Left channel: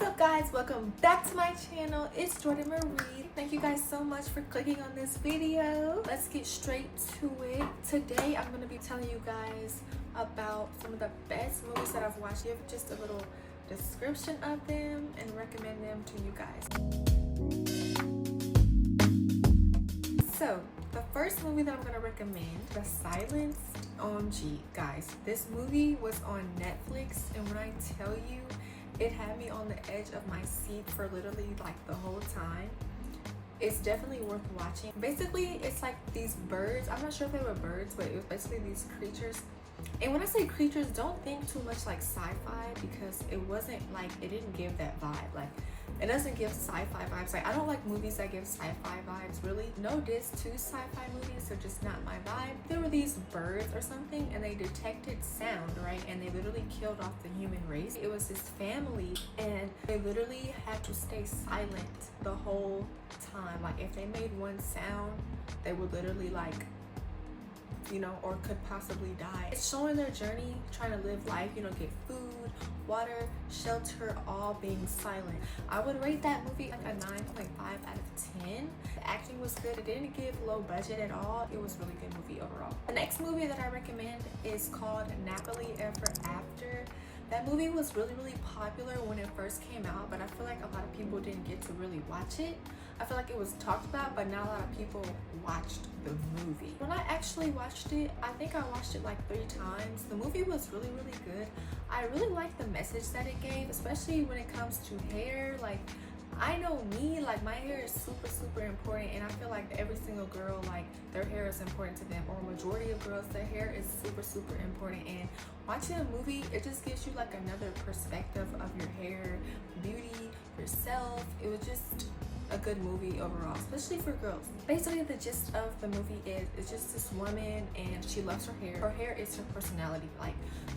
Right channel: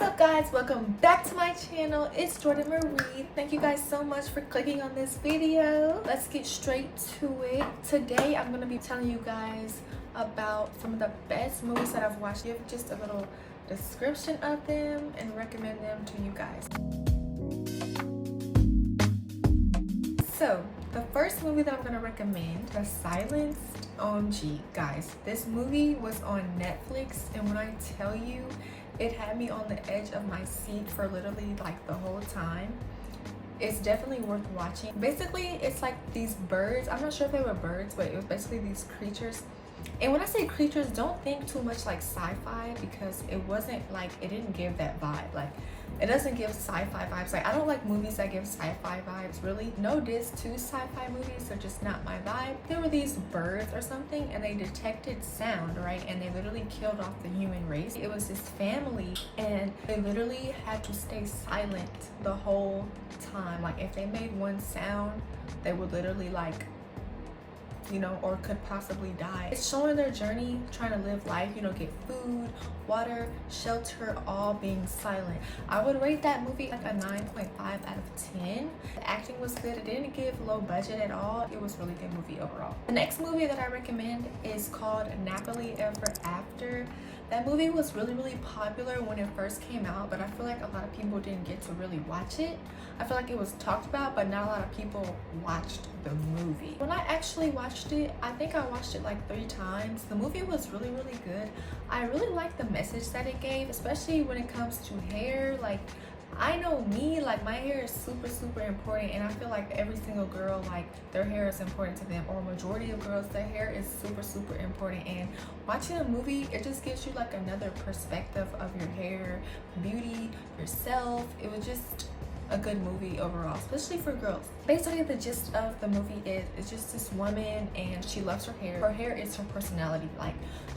What's up guys, welcome back to my channel. It's Jordan Marie. Thank you guys so much for clicking on this video. Let's get straight to it. Today I'm going to be telling you guys about some of the best movies that I've watched. Give just a little description of them and recommend them to you guys. So the first movie that I'm going to recommend, The Silence. OMG guys, this movie was on Netflix, and when I tell you, it had me on the edge of my seat for literally like the whole time. It's definitely worth watching. Basically, it's like these birds. I'm not sure if they were birds, but it was basically these creatures. And when I say creatures, don't think too much like sci-fi, because it wasn't like, it didn't give that vibe. Like, it doesn't give sci-fi vibes. Like, I don't like movies that give sci-fi vibes, really. No diss to sci-fi movies, they're just not my vibe. There were these birds or something, and they detected sound, right? And they literally killed off the human race. It was this family, and they literally had to stay silent the whole time. Like, if they made one sound, they would literally like, you know, or could possibly die. It's showing their journey, trying to live life, you know, get food, water, shelter, all being silent. I would rate that movie like a 9.5 out of 10. The acting was good. It didn't give low budget at all. It was a really good movie overall. The next movie that I recommend is called Nappily Ever After. That movie was really popular when it first came out, but I feel like a lot of people didn't get to really watch it. I feel like it was talked about, but not a lot of people watched the movie. When I actually watched it, I think I watched it like 3 times. The movie was really good. I really liked the message that it gave, especially when it comes to hair. Like, I know me, like my hair is super important, and I feel like every single girl, like their hair is important to them, or majority of girls, their hair is super important. And watching a movie, it just gives you like another perspective of your hair, beauty, yourself. It was just a good movie overall, especially for girls. Basically, the gist of the movie is it's just this woman, and she loves her hair. Her hair is her personality. Like,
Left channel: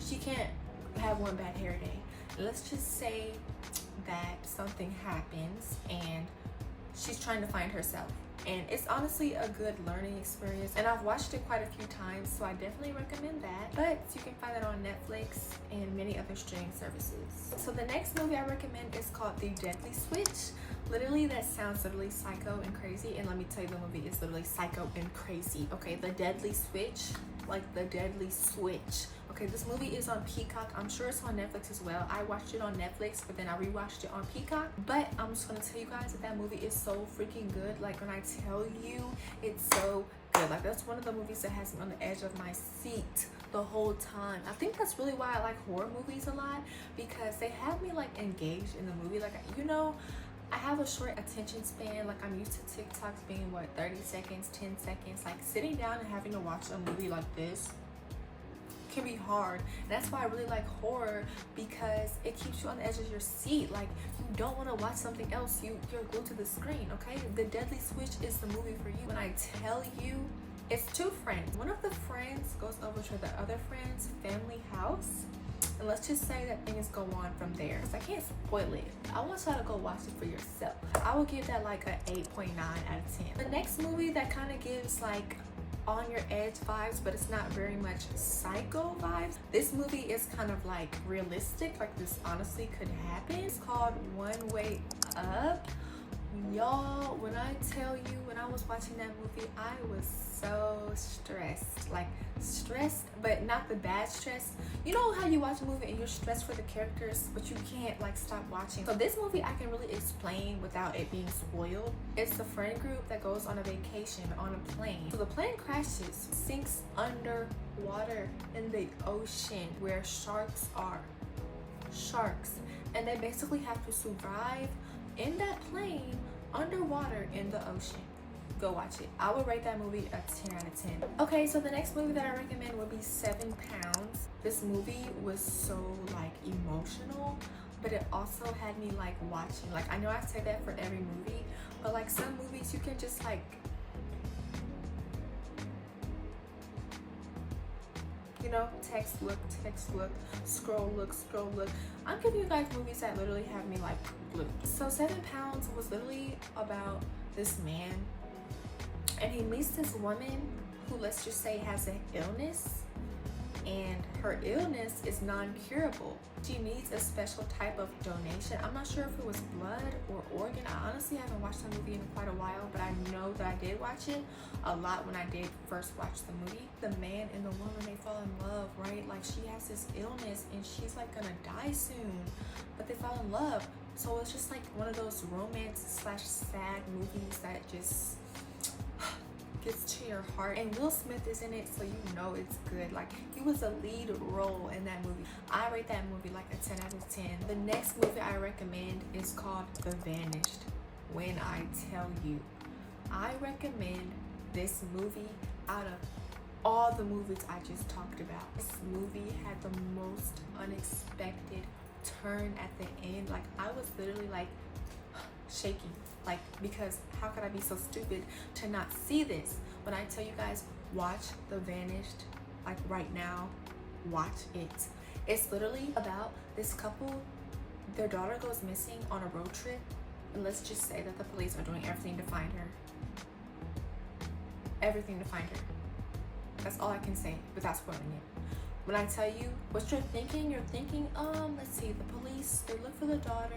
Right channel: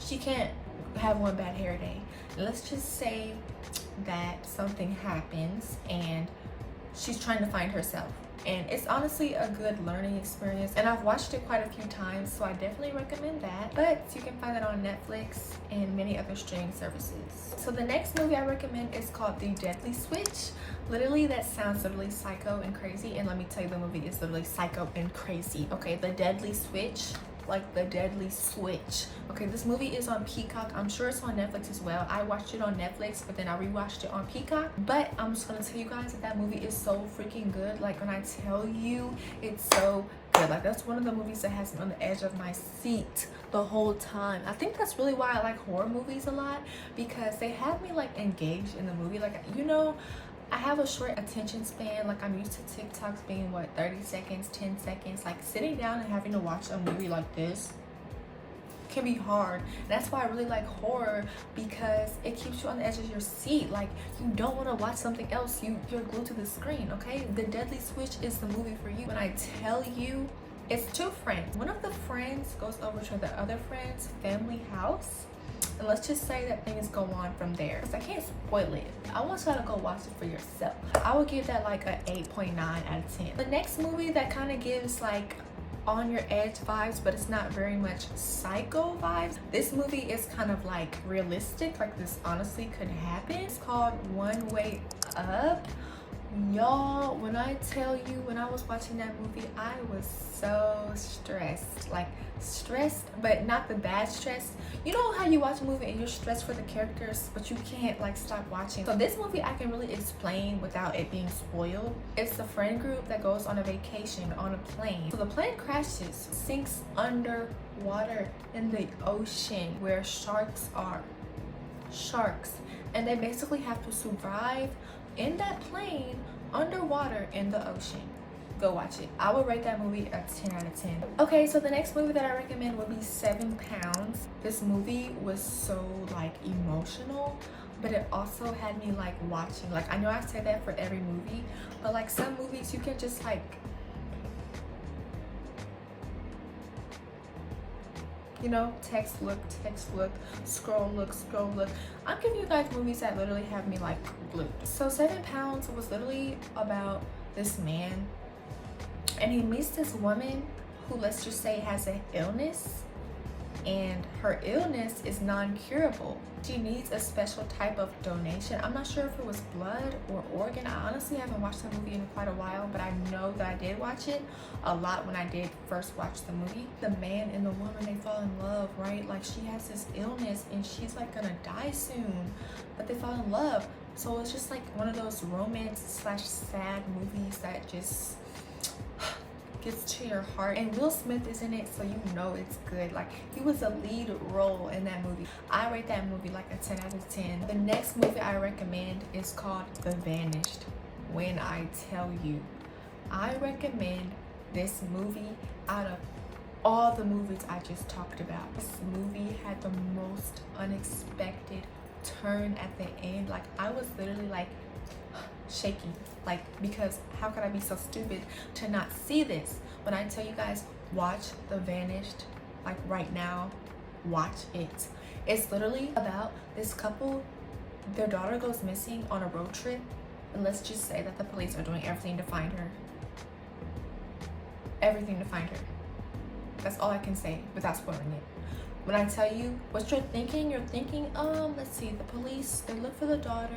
she can't have one bad hair day. Let's just say that something happens and she's trying to find herself, and it's honestly a good learning experience, and I've watched it quite a few times, so I definitely recommend that. But you can find it on Netflix and many other streaming services. So the next movie I recommend is called The Deadly Switch. Literally, that sounds literally psycho and crazy, and let me tell you, the movie is literally psycho and crazy. Okay, The Deadly Switch, like the deadly switch. Okay, this movie is on Peacock. I'm sure it's on Netflix as well. I watched it on Netflix, but then I rewatched it on Peacock. But I'm just gonna tell you guys that movie is so freaking good. Like, when I tell you, it's so good. Like, that's one of the movies that has me on the edge of my seat the whole time. I think that's really why I like horror movies a lot, because they have me like engaged in the movie. Like, you know, I have a short attention span. Like, I'm used to TikToks being what, 30 seconds, 10 seconds. Like, sitting down and having to watch a movie like this can be hard. And that's why I really like horror, because it keeps you on the edge of your seat. Like, you don't want to watch something else. You're glued to the screen. Okay, The Deadly Switch is the movie for you. When I tell you, it's 2 friends. One of the friends goes over to the other friend's family house, and let's just say that things go on from there. I can't spoil it. I want y'all to go watch it for yourself. I would give that like a 8.9 out of 10. The next movie that kind of gives like on your edge vibes, but it's not very much psycho vibes. This movie is kind of like realistic. Like, this honestly could happen. It's called One Way Up. Y'all, when I tell you, when I was watching that movie, I was so stressed. Like, stressed, but not the bad stress. You know how you watch a movie and you're stressed for the characters, but you can't like stop watching. So this movie I can really explain without it being spoiled. It's a friend group that goes on a vacation on a plane. So the plane crashes, sinks underwater in the ocean where sharks are. Sharks. And they basically have to survive in that plane underwater in the ocean. Go watch it. I would rate that movie a 10 out of 10. Okay, so the next movie that I recommend would be 7 Pounds. This movie was so like emotional, but it also had me like watching. Like, I know I say that for every movie, but like some movies you can just like, you know, text look, scroll look. I'm giving you guys movies that literally have me like glued. So 7 Pounds was literally about this man, and he meets this woman who, let's just say, has an illness, and her illness is non-curable. She needs a special type of donation. I'm not sure if it was blood or organ. I honestly haven't watched the movie in quite a while, but I know that I did watch it a lot when I did first watch the movie. The man and the woman, they fall in love, right? Like, she has this illness and she's like gonna die soon, but they fall in love. So it's just like one of those romance slash sad movies that just gets to your heart. And Will Smith is in it, so you know it's good. Like, he was the lead role in that movie. I rate that movie like a 10 out of 10. The next movie I recommend is called The Vanished. When I tell you, I recommend this movie out of all the movies I just talked about. This movie had the most unexpected turn at the end. Like, I was literally like shaking, like, because how could I be so stupid to not see this? When I tell you guys, watch The Vanished, like right now, watch it. It's literally about this couple. Their daughter goes missing on a road trip, and let's just say that the police are doing everything to find her. Everything to find her. That's all I can say without spoiling it. When I tell you what you're thinking, let's see, the police, they look for the daughter,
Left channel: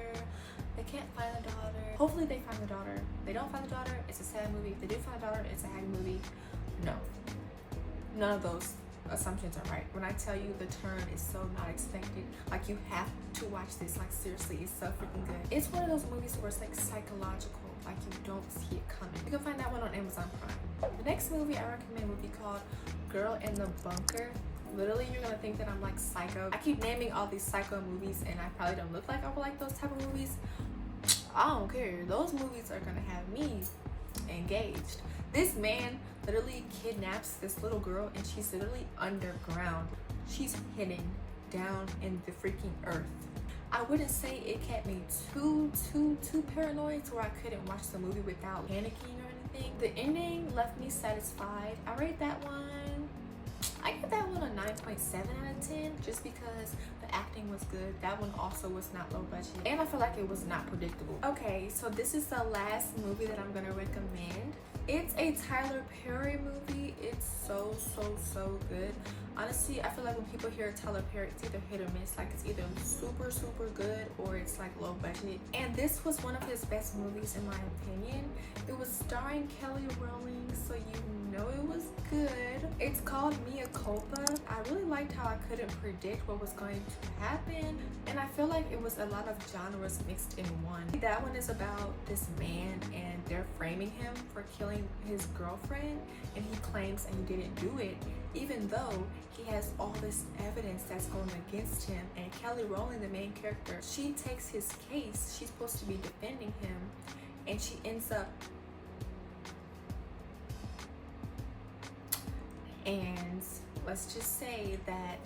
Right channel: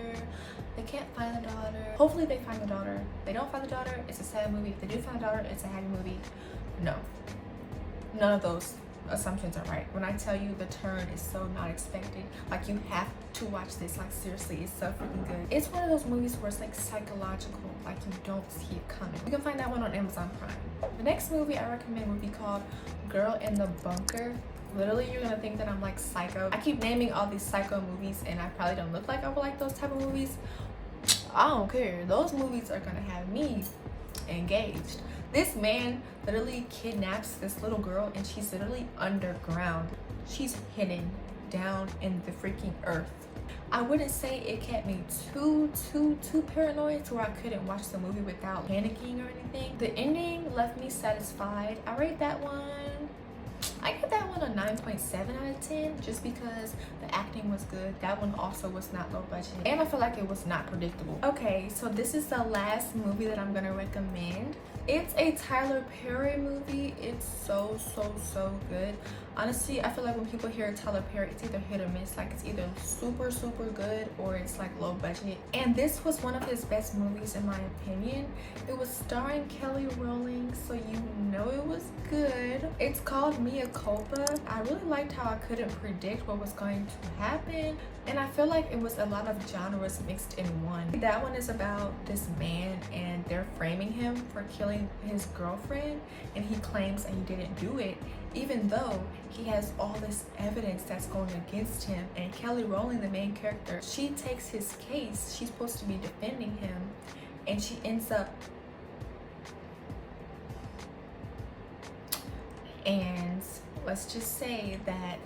they can't find the daughter. Hopefully they find the daughter. If they don't find the daughter, it's a sad movie. If they do find the daughter, it's a happy movie. No, none of those assumptions are right. When I tell you the turn is so not expected, like, you have to watch this. Like, seriously, it's so freaking good. It's one of those movies where it's like psychological, like you don't see it coming. You can find that one on Amazon Prime. The next movie I recommend would be called Girl in the Bunker. Literally, you're gonna think that I'm like psycho. I keep naming all these psycho movies and I probably don't look like I would like those type of movies. I don't care. Those movies are gonna have me engaged. This man literally kidnaps this little girl and she's literally underground. She's hidden down in the freaking earth. I wouldn't say it kept me too paranoid to where I couldn't watch the movie without panicking or anything. The ending left me satisfied. I rate that one, I give that one a 9.7 out of 10 just because the acting was good. That one also was not low budget and I feel like it was not predictable. Okay, so this is the last movie that I'm gonna recommend. It's a Tyler Perry movie. It's so good. Honestly, I feel like when people hear Tyler Perry, it's either hit or miss. Like, it's either super good or it's like low budget. And this was one of his best movies in my opinion. It was starring Kelly Rowling, so you know it was good. It's called Mea Culpa. I really liked how I couldn't predict what was going to happen, and I feel like it was a lot of genres mixed in one. That one is about this man and they're framing him for killing his girlfriend, and he claims that he didn't do it, even though he has all this evidence that's going against him. And Kelly Rowling, the main character, she takes his case. She's supposed to be defending him, and she ends up, and let's just say that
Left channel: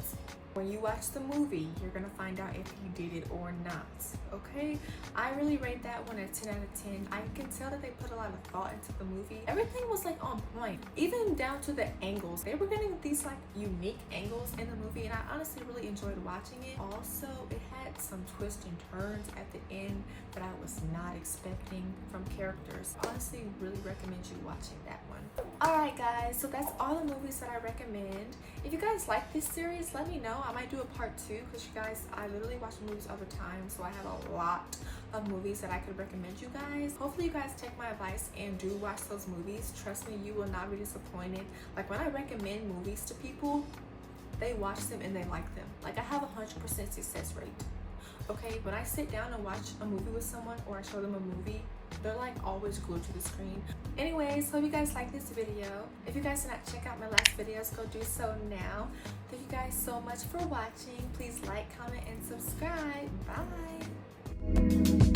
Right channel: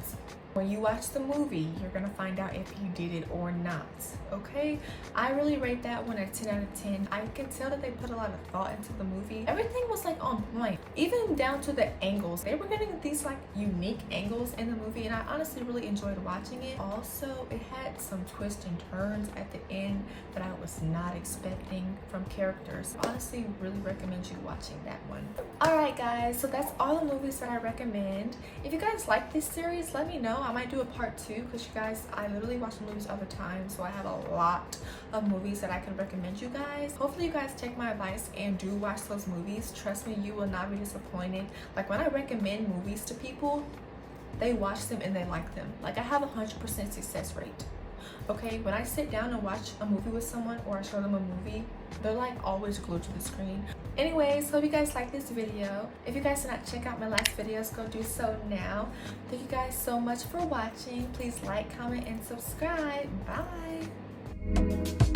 when you watch the movie, you're gonna find out if you did it or not, okay? I really rate that one a 10 out of 10. I can tell that they put a lot of thought into the movie. Everything was like on point, even down to the angles. They were getting these like unique angles in the movie, and I honestly really enjoyed watching it. Also, it had some twists and turns at the end that I was not expecting from characters. I honestly really recommend you watching that one. Alright guys, so that's all the movies that I recommend. If you guys like this series, let me know. I might do a part 2 because you guys, I literally watch movies all the time, so I have a lot of movies that I could recommend you guys. Hopefully you guys take my advice and do watch those movies. Trust me, you will not be disappointed. Like, when I recommend movies to people, they watch them and they like them. Like, I have a 100% success rate. Okay, when I sit down and watch a movie with someone or I show them a movie, they're like always glued to the screen. Anyways, hope you guys like this video. If you guys did not check out my last videos, go do so now. Thank you guys so much for watching. Please like, comment, and subscribe. Bye.